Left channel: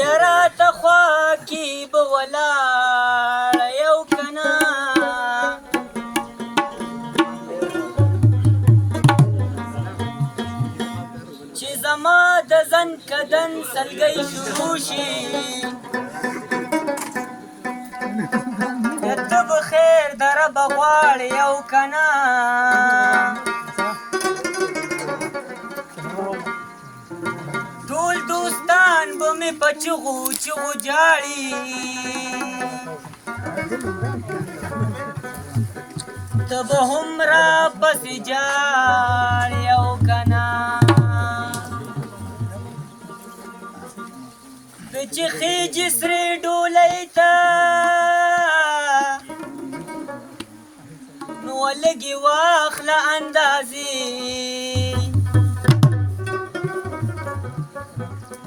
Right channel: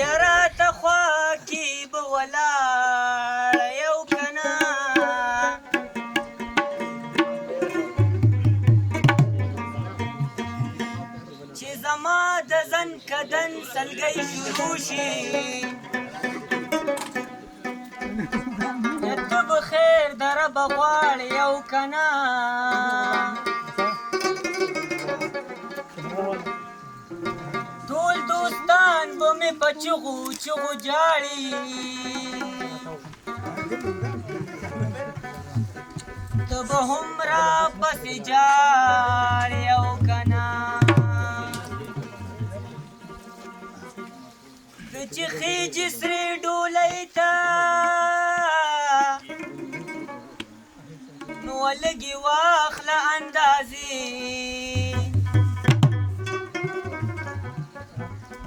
یاره ته خوا کې به ولاړه یو که نه چې زما د زن کدن سلګۍ شروع شي ته به خیر د ربه غواړې یو که نه ټول دوستان به مې په چغو چغو جاړي ته به هم راپسې جاړې یو که نه ته چې خېجې سرې ډولۍ ته نو لږې واخله اندازې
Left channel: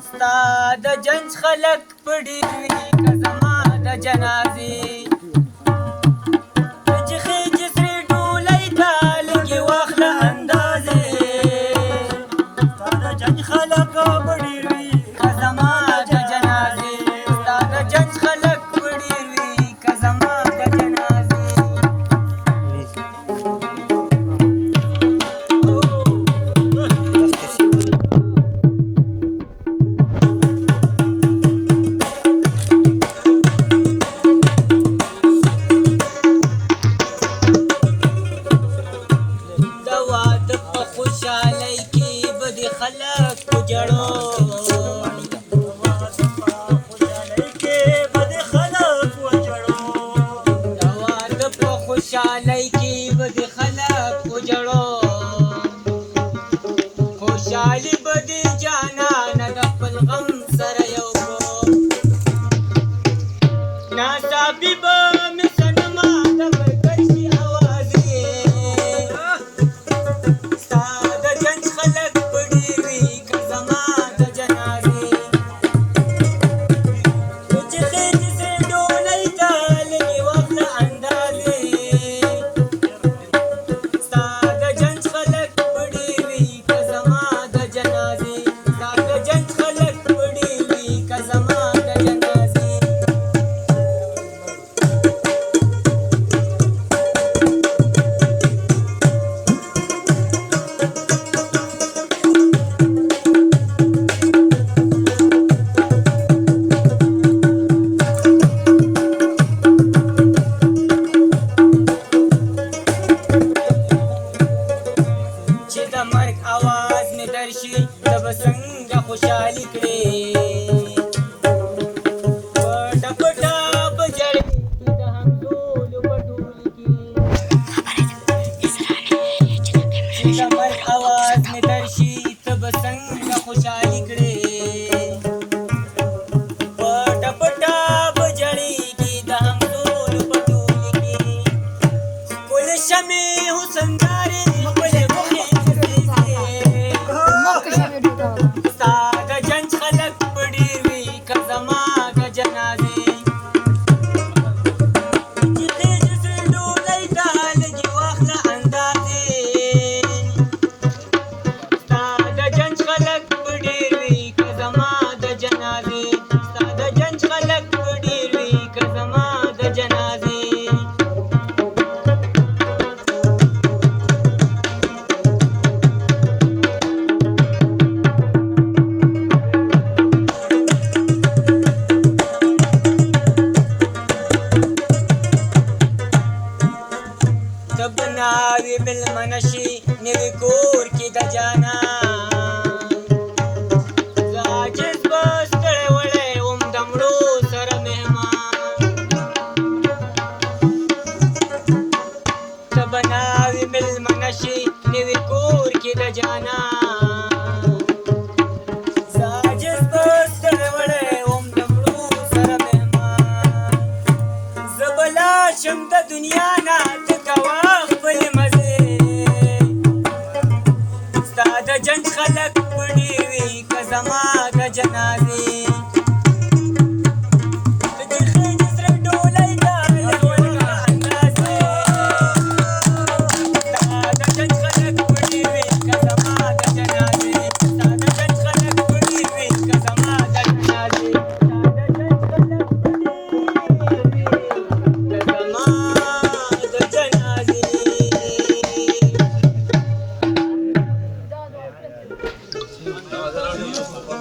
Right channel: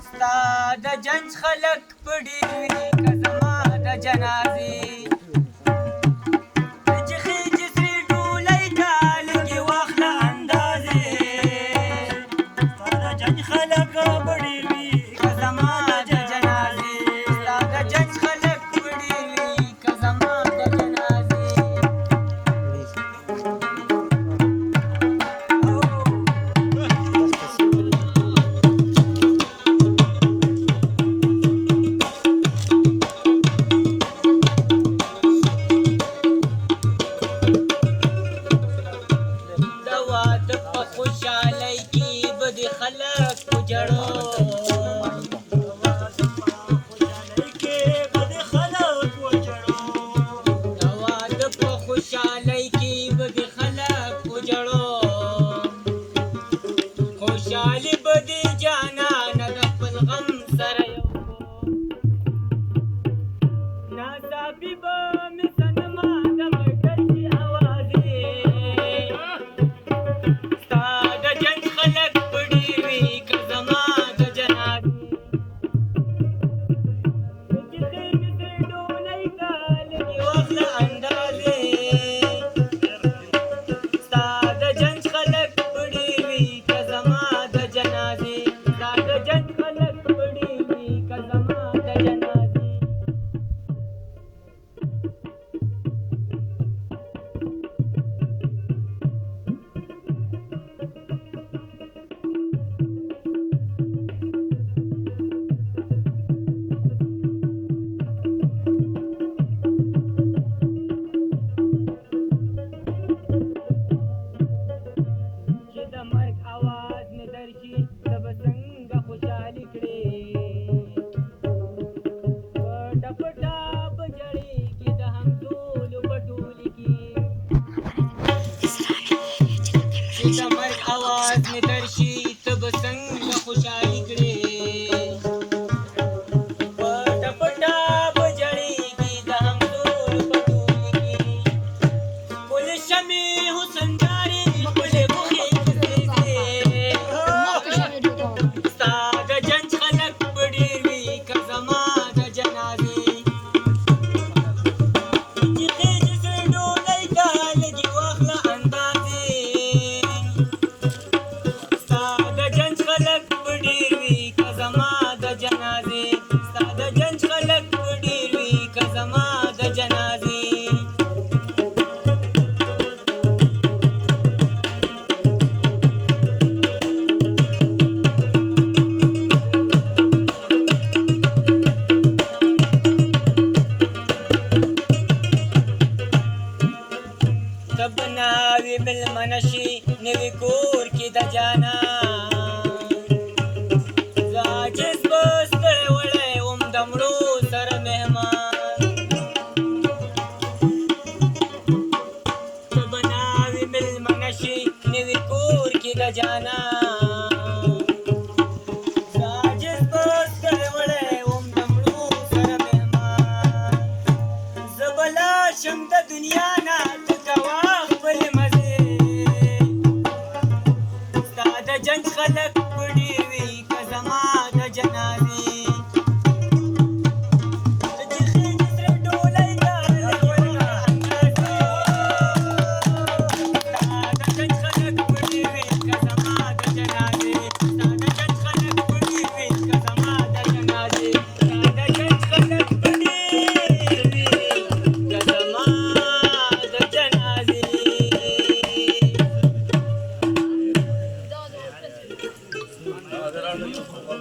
ستا د جنج خلک په ډېر وي که زما د جنازې ته چې خېجې سرې ډولۍ ته لږې واخله اندازې ستا د جنج خلک په ډېر وي که زما د جنازې ستا د جنج خلک په ډېر وي که زما د جنازې مېلمنه شي نوي کور